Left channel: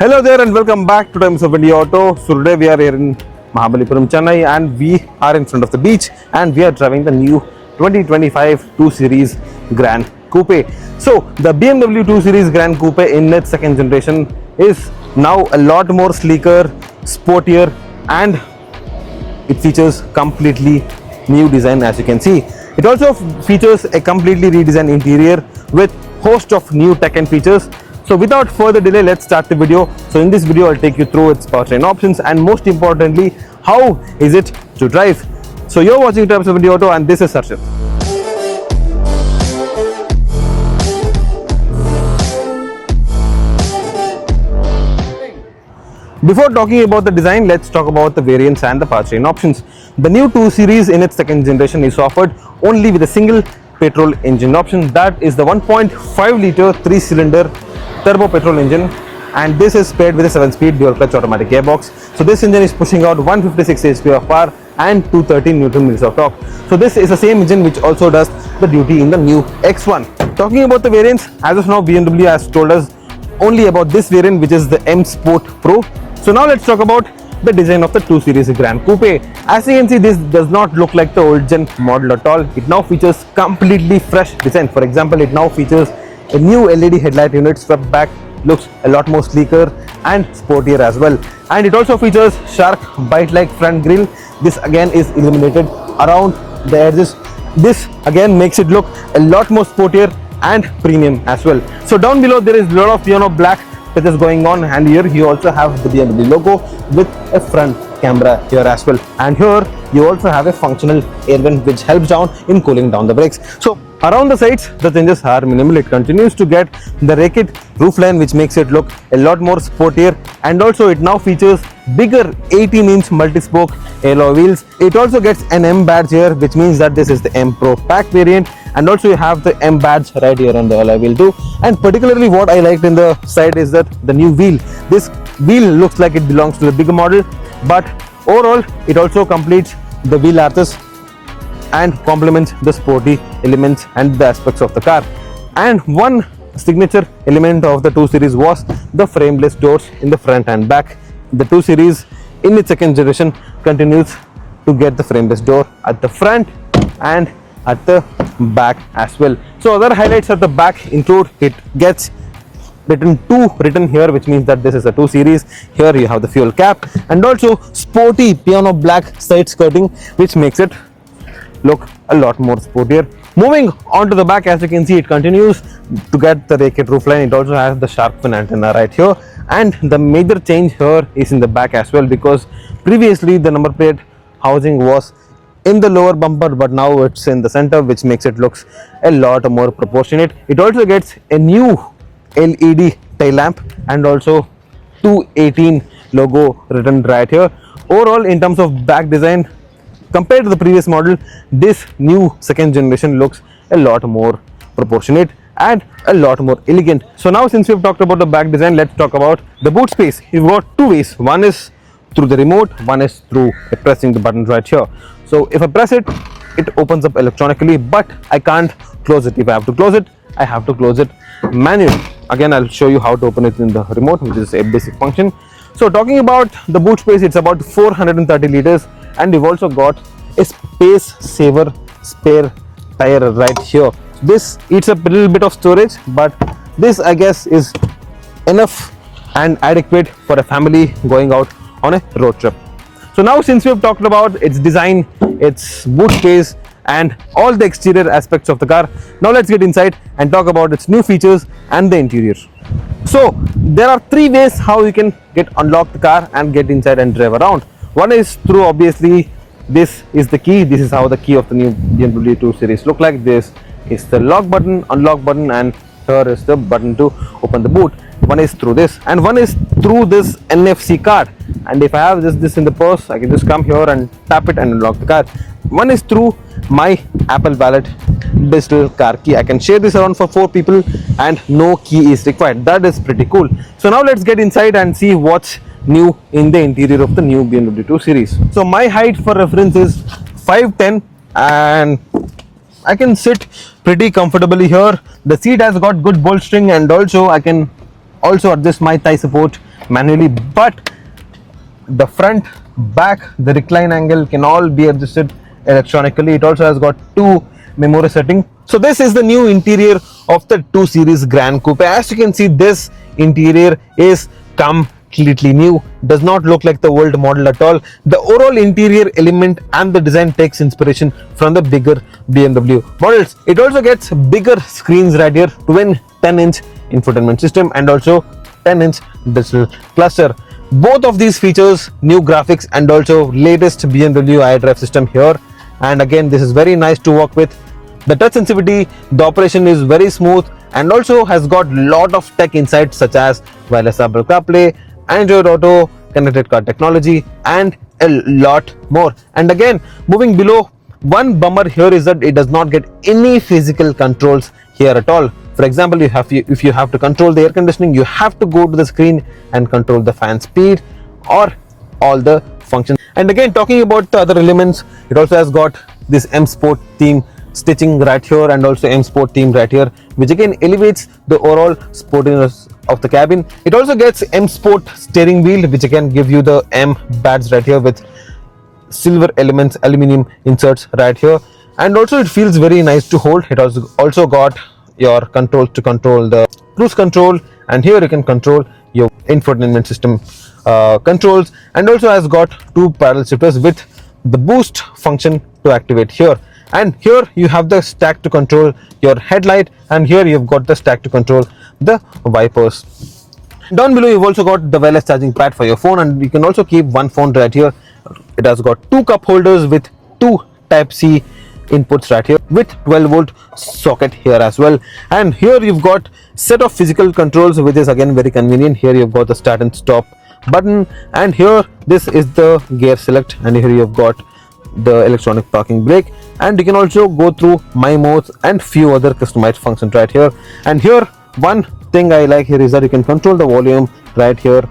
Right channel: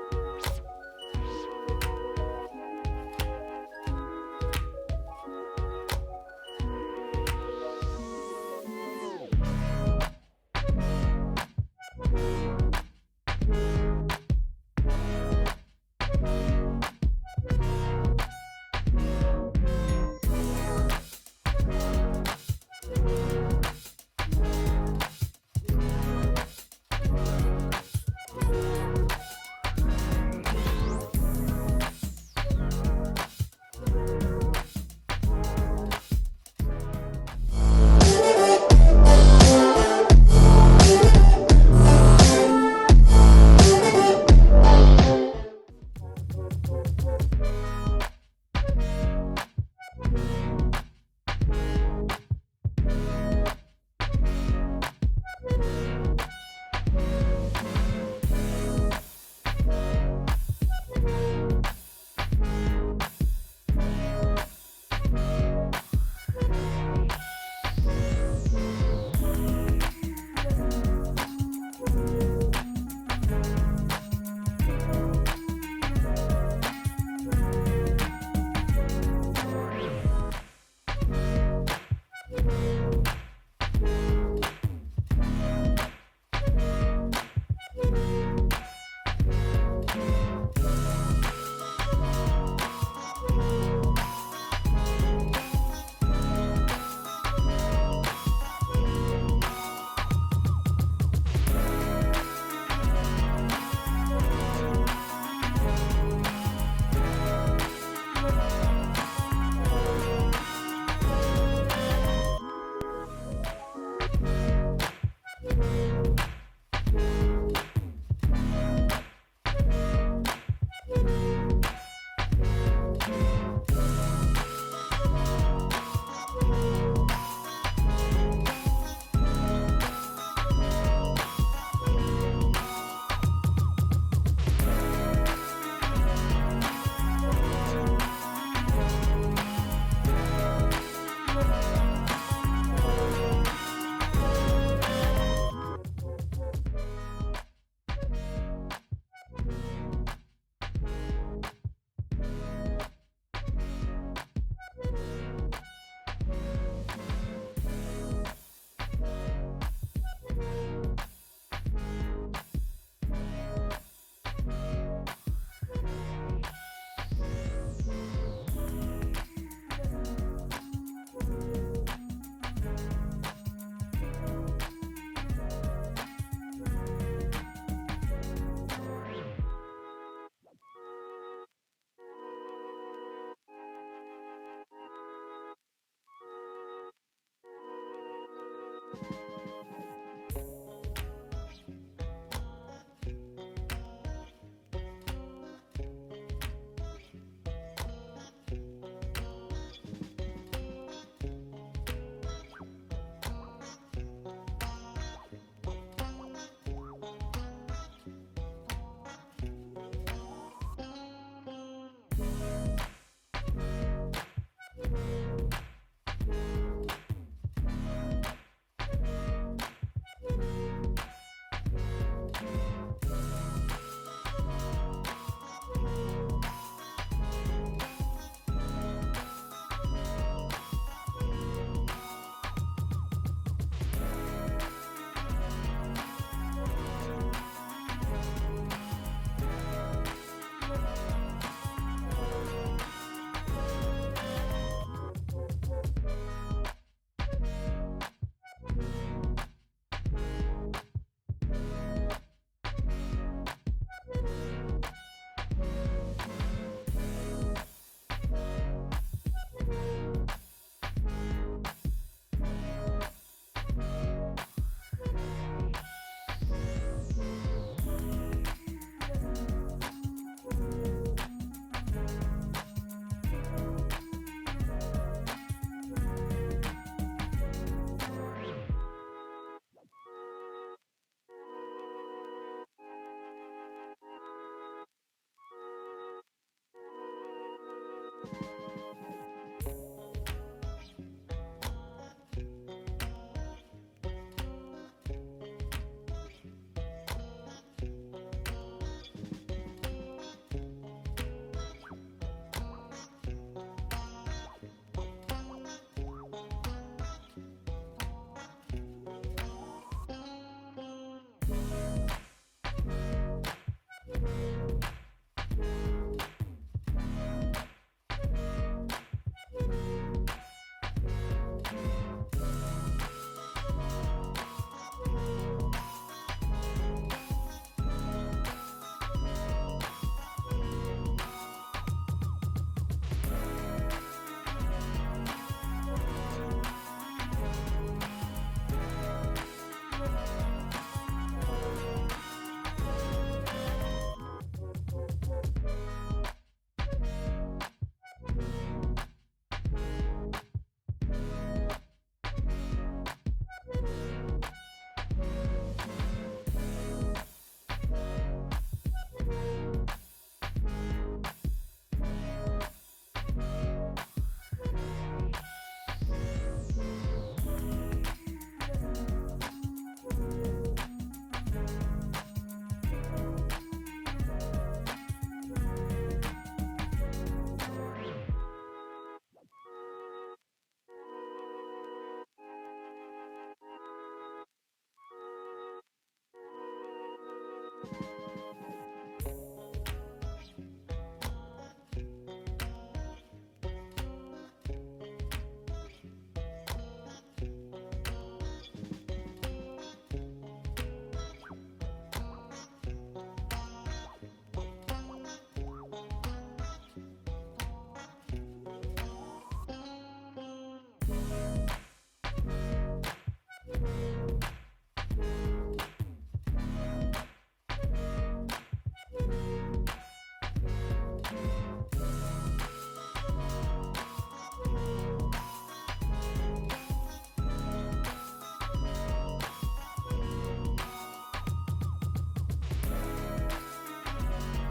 Hello there and welcome back to Times of India Auto. So today we are here in Mahabalipuram, Chennai, and we are in front of the beach and we are driving the new 2025 2 Series Gran Coupe. So the BMW 2 Series Gran Coupe in its second generation is now a lot more sleeker, sportier, and it features completely new design, as you can see. It also features a completely redesigned interior with host of new tech and features. So without further delay, let's start the video. So in this video, I'll take you through its powertrain options and most importantly, how is it to drive. So you're watching Times of India Auto and this is Sarshit. Before talking about the design, let's talk about the variants and the powertrain options. The new 2 Series in its second generation is offered only with a single petrol engine option. That is the 1.5 litre 3-cylinder turbo petrol engine, and this is paired with a 7-speed dual clutch automatic gearbox. So this engine is pushing out 156 HP of power and 213 Nm of torque. So this is the same engine which also does the duty in the new X1. Talking about the variants, as of now BMW has told us only about this variant, which is the M Sport Pro. So now let's talk about the design of the 2 Series Gran Coupe. As you can see, this does not look like the old gen model at all. It now features completely fresh design. For example, it now features a new LED headlight unit, swept back, looks a lot more sleeker and sportier as well. And it also features sharp bite-like front grille. This again is illuminated around the edges. This again makes it look a lot more sportier and premium as well. So down below there is a lot of piano black that is going on, and here you also have the BMW logo with a front camera here as well. And here you also have a functional air vent which helps down in cooling down the brakes. So around the sides the changes are minimal. It continues to get the racket roofline which makes it look a lot more sportier, and also it now features bigger 18-inch multi-spoke alloy wheels. It also gets an M badge here, which means that this is the M Pro Pack variant, and also you have the M badge right here on the alloy wheel too. And particularly what I liked in the side is that the new wheel. This wheel looks like it belongs to the bigger model, but overall it also completes the wheel arches and complements the sporty elements and the aspects of the car. And one signature element of the 2 Series was the frameless doors in the front and back. The 2 Series in its second generation continues to get the frameless door at the front and at the back as well. So other highlights at the back include it gets written 2 written here, which means that this is a 2 Series. Here you have the fuel cap and also sporty piano black side skirting, which makes it look a lot more sportier. Moving on to the back, as you can see, it continues to get the racket roofline. It also has the shark fin antenna right here, and the major change here is in the back as well, because previously the number plate housing was in the lower bumper, but now it's in the center, which makes it looks a lot more proportionate. It also gets a new LED tail lamp and also 218 logo written right here. Overall, in terms of back design, compared to the previous model, this new second generation looks a lot more proportionate and a lot more elegant. So now, since we've talked about the back design, let's talk about the boot space. You've got 2 ways. One is through the remote, one is through pressing the button right here. So if I press it, it opens up electronically, but I can't close it. If I have to close it, I have to close it manually. Again, I'll show you how to open it in the remote, which is a basic function. So talking about the boot space, it's about 430 liters, and we've also got a space saver spare tire right here. This eats up a little bit of storage, but this I guess is enough and adequate for a family going out on a road trip. So now, since we've talked about its design, its boot space and all the exterior aspects of the car, now let's get inside and talk about its new features and the interior. So there are 3 ways how you can unlock the car and get inside and drive around. One is through, obviously, this is the key. This is how the key of the new BMW 2 Series look like. This is the lock button, unlock button, and here is the button to open the boot. One is through this, and one is through this NFC card. And if I have this in the purse, I can just come here and tap it and unlock the car. One is through my Apple Wallet digital car key. I can share this around for 4 people and no key is required. That is pretty cool. So now let's get inside and see what's new in the interior of the new BMW 2 Series. So my height for reference is 5'10" and I can sit pretty comfortably here. The seat has got good bolstering, and also I can also adjust my thigh support manually, but the front, back, the recline angle can all be adjusted electronically. It also has got two memory setting. So this is the new interior of the 2 Series Gran Coupe. As you can see, this interior is completely new, does not look like the old model at all. The overall interior element and the design takes inspiration from the bigger BMW models. It also gets bigger screens right here, twin 10-inch infotainment system and also 10-inch digital cluster. Both of these features new graphics and also latest BMW iDrive system here, and again this is very nice to work with. The touch sensitivity, the operation is very smooth and also has got lot of tech inside such as wireless Apple CarPlay, Android Auto, connected car technology and a lot more. And again, moving below, one bummer here is that it does not get any physical controls here at all. For example, if you have to control the air conditioning, you have to go to the screen and control the fan speed or all the functions. And again, talking about the other elements, it also has got this M Sport theme stitching right here and also M Sport theme right here, which again elevates the overall sportiness of the cabin. It also gets M Sport steering wheel, which again give you the M badge right here with silver elements, aluminium inserts right here, and also it feels very nice to hold. It also got your controls to control the cruise control, and here you can control your infotainment system controls, and also has got two parallel shifters with the boost function to activate here. And here you have the stack to control your headlight, and here you've got the stack to control the wipers. Down below you've also got the wireless charging pad for your phone, and you can also keep one phone right here. It has got two cup holders with two Type-C inputs right here with 12-volt socket here as well. And here you've got set of physical controls, which is again very convenient. Here you've got the start and stop button, and here this is the gear select, and here you've got the electronic parking brake, and you can also go through my modes and few other customized functions right here. And here one thing I like here is that you can control the volume right here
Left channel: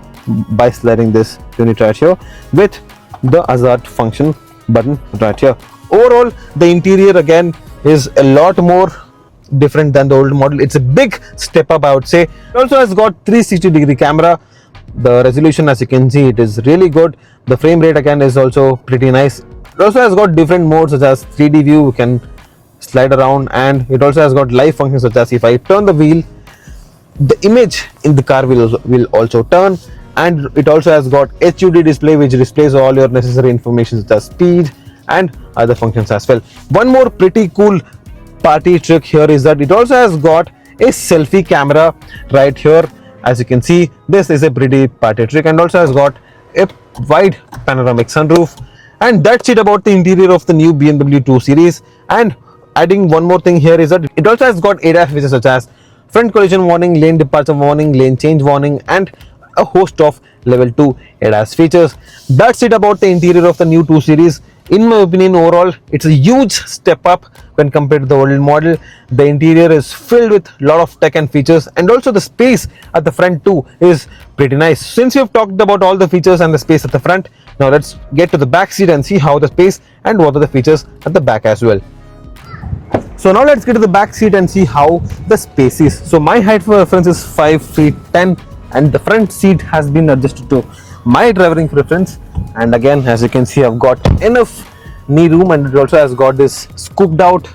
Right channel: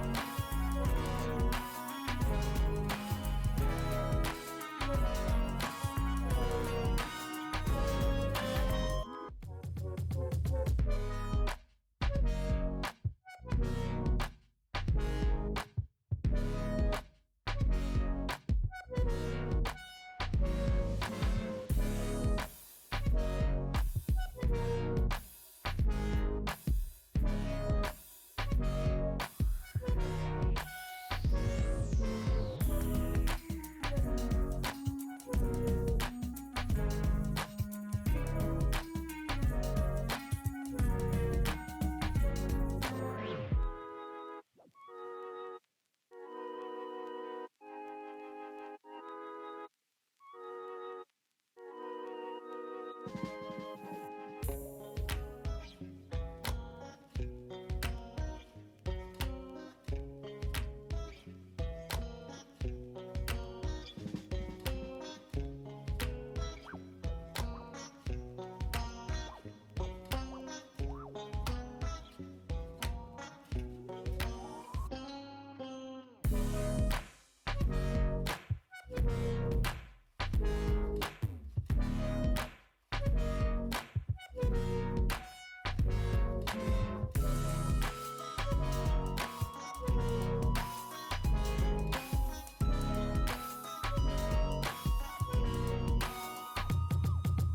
by sliding this unit right here with the hazard function button right here. Overall, the interior again is a lot more different than the old model. It's a big step up, I would say. It also has got 360-degree camera. The resolution, as you can see, it is really good. The frame rate again is also pretty nice. It also has got different modes such as 3D view, you can slide around, and it also has got live functions such as if I turn the wheel, the image in the car will also turn. And it also has got HUD display, which displays all your necessary information such as speed and other functions as well. One more pretty cool party trick here is that it also has got a selfie camera right here. As you can see, this is a pretty party trick, and also has got a wide panoramic sunroof. And that's it about the interior of the new BMW 2 Series. And adding one more thing here is that it also has got ADAS features such as front collision warning, lane departure warning, lane change warning, and a host of level 2 ADAS features. That's it about the interior of the new 2 Series. In my opinion, overall it's a huge step up when compared to the old model. The interior is filled with a lot of tech and features, and also the space at the front too is pretty nice. Since we've talked about all the features and the space at the front, now let's get to the back seat and see how the space and what are the features at the back as well. So now let's get to the back seat and see how the space is. So my height for reference is 5 feet 10, and the front seat has been adjusted to my driving preference. And again, as you can see, I've got enough knee room, and it also has got this scooped out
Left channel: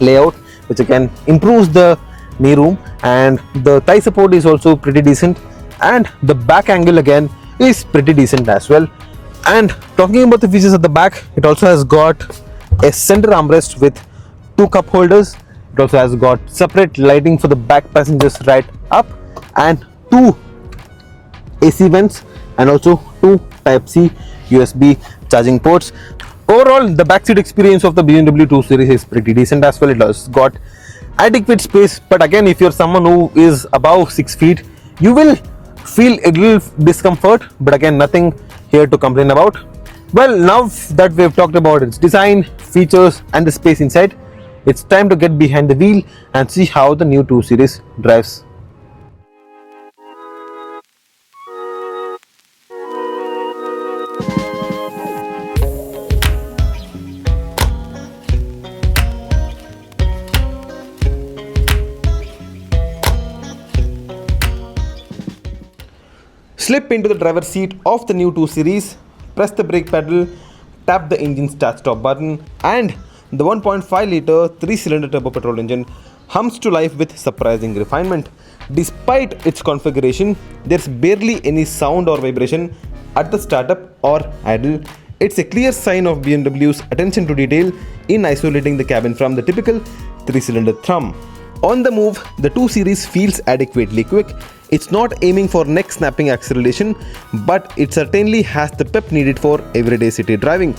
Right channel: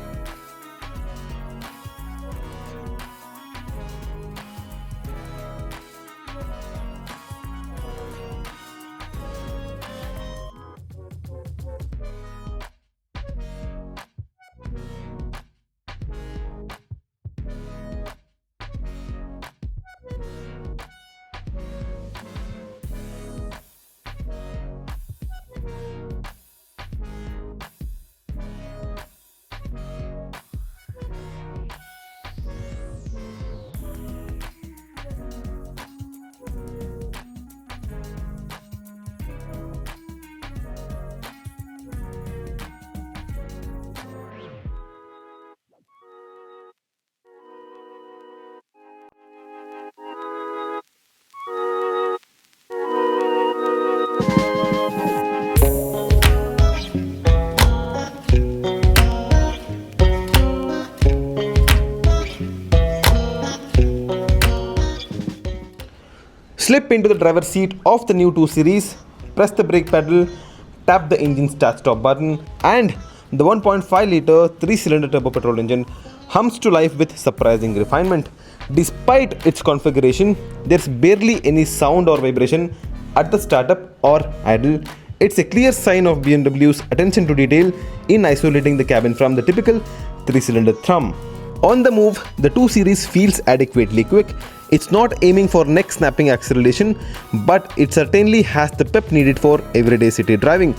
layout, which again improves the knee room, and the thigh support is also pretty decent, and the back angle again is pretty decent as well. And talking about the features at the back, it also has got a center armrest with two cup holders. It also has got separate lighting for the back passengers right up, and two AC vents, and also two Type-C USB charging ports. Overall, the backseat experience of the BMW 2 Series is pretty decent as well. It has got adequate space, but again, if you're someone who is above 6 feet, you will feel a little discomfort, but again, nothing here to complain about. Well, now that we've talked about its design, features, and the space inside, it's time to get behind the wheel and see how the new 2 Series drives. Slip into the driver's seat of the new 2 Series, press the brake pedal, tap the engine start-stop button, and the 1.5 litre 3-cylinder turbo petrol engine hums to life with surprising refinement. Despite its configuration, there's barely any sound or vibration at the startup or idle. It's a clear sign of BMW's attention to detail in isolating the cabin from the typical 3-cylinder thrum. On the move, the 2 Series feels adequately quick. It's not aiming for neck-snapping acceleration, but it certainly has the pep needed for everyday city driving.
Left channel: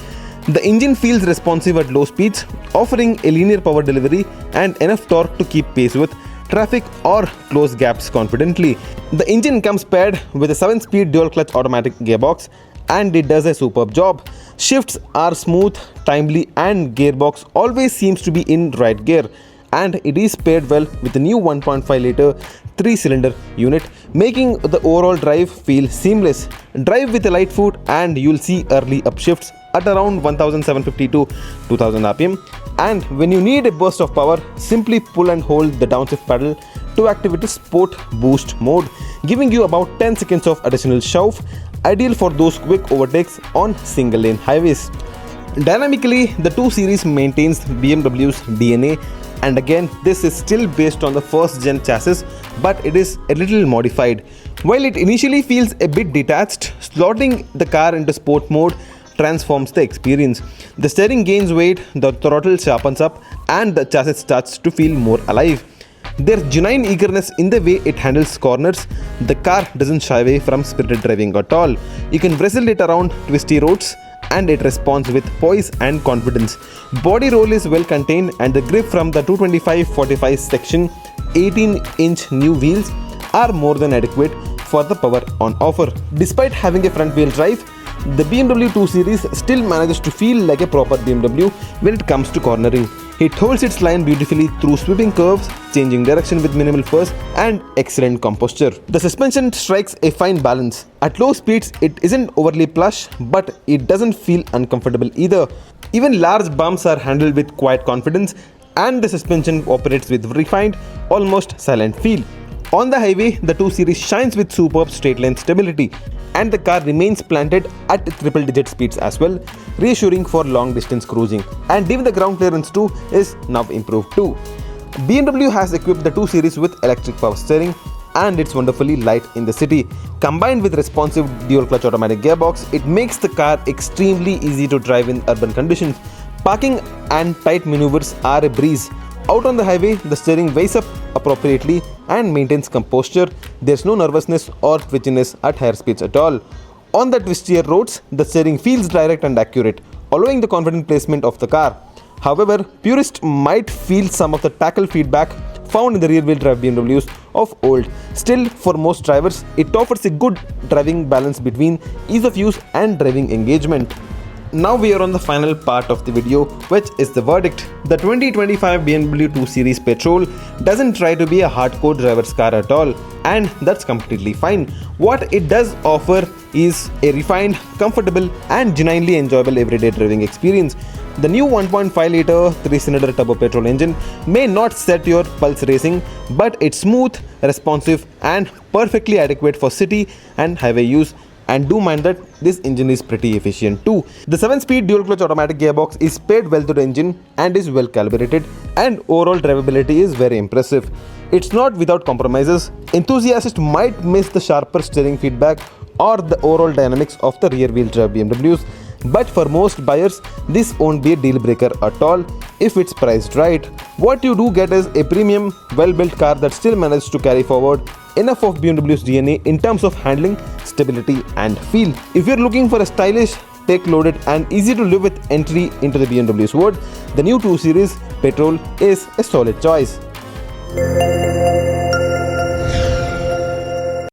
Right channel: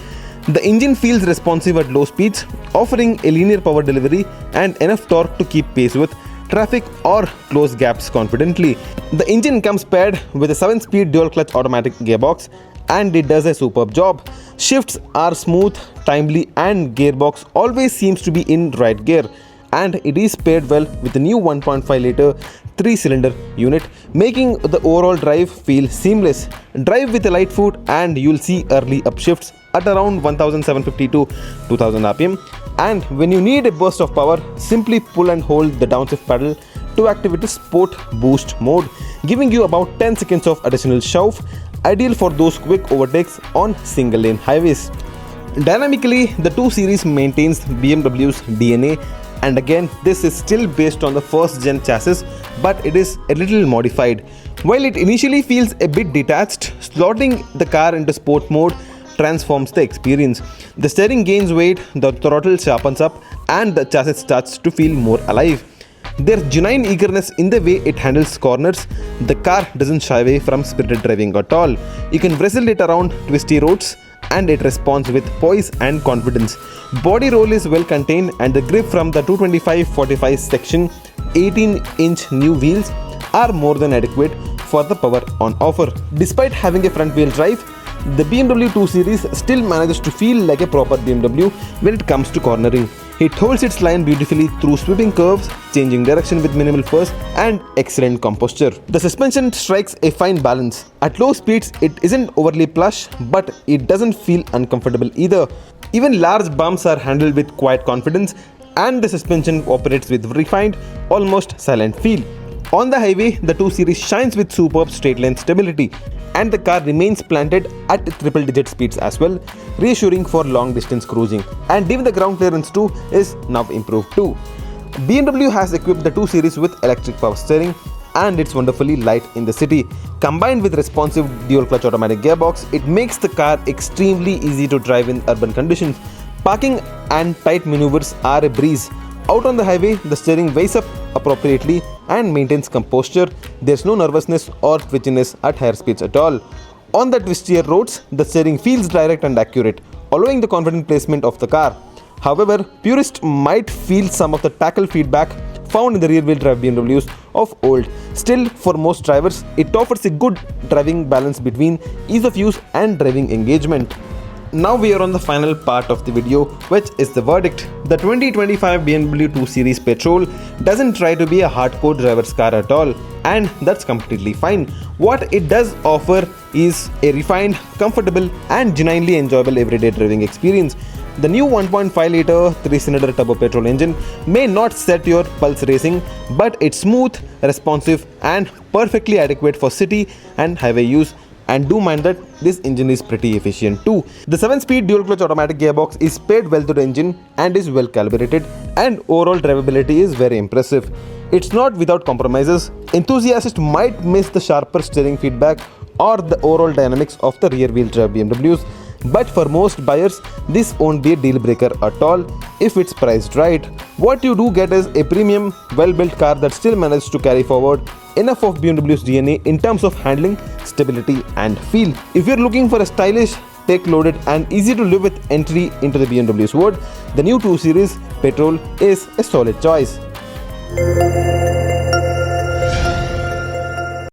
The engine feels responsive at low speeds, offering a linear power delivery and enough torque to keep pace with traffic or close gaps confidently. The engine comes paired with a 7-speed dual-clutch automatic gearbox, and it does a superb job. Shifts are smooth, timely, and gearbox always seems to be in right gear. And it is paired well with the new 1.5 litre 3-cylinder unit, making the overall drive feel seamless. Drive with a light foot and you'll see early upshifts at around 1750 to 2000 rpm, and when you need a burst of power, simply pull and hold the downshift pedal to activate the sport boost mode, giving you about 10 seconds of additional shove, ideal for those quick overtakes on single lane highways. Dynamically, the 2 Series maintains BMW's DNA. And again, this is still based on the first gen chassis, but it is a little modified. While it initially feels a bit detached, slotting the car into sport mode transforms the experience. The steering gains weight, the throttle sharpens up, and the chassis starts to feel more alive. There's genuine eagerness in the way it handles corners. The car doesn't shy away from spirited driving at all. You can wrestle it around twisty roads, and it responds with poise and confidence. Body roll is well contained, and the grip from the 225/45 section 18-inch new wheels are more than adequate for the power on offer. Despite having a front wheel drive, the BMW 2 Series still manages to feel like a proper BMW when it comes to cornering. It holds its line beautifully through sweeping curves, changing direction with minimal force, and excellent composture. The suspension strikes a fine balance. At low speeds, it isn't overly plush, but it doesn't feel uncomfortable either. Even large bumps are handled with quiet confidence, and the suspension operates with refined, almost silent feel. On the highway, the 2 Series shines with superb straight-line stability, and the car remains planted at triple-digit speeds as well, reassuring for long-distance cruising. And even the ground clearance too is now improved too. BMW has equipped the 2 Series with electric power steering, and it's wonderfully light in the city. Combined with responsive dual-clutch automatic gearbox, it makes the car extremely easy to drive in urban conditions. Parking and tight maneuvers are a breeze. Out on the highway, the steering weighs up appropriately and maintains composure. There's no nervousness or twitchiness at higher speeds at all. On the twistier roads, the steering feels direct and accurate, allowing the confident placement of the car. However, purists might feel some of the tackle feedback found in the rear-wheel drive BMWs of old. Still, for most drivers, it offers a good driving balance between ease of use and driving engagement. Now we are on the final part of the video, which is the verdict. The 2025 BMW 2 Series Petrol doesn't try to be a hardcore driver's car at all, and that's completely fine. What it does offer is a refined, comfortable, and genuinely enjoyable everyday driving experience. The new 1.5 litre 3-cylinder turbo petrol engine may not set your pulse racing, but it's smooth, responsive, and perfectly adequate for city and highway use. And do mind that this engine is pretty efficient too. The 7-speed dual-clutch automatic gearbox is paired well to the engine and is well calibrated, and overall drivability is very impressive. It's not without compromises. Enthusiasts might miss the sharper steering feedback or the overall dynamics of the rear-wheel drive BMWs, but for most buyers, this won't be a deal breaker at all if it's priced right. What you do get is a premium, well-built car that still manages to carry forward enough of BMW's DNA in terms of handling, stability, and feel. If you're looking for a stylish, tech-loaded, and easy to live with entry into the BMW's world, the new 2 Series Petrol is a solid choice.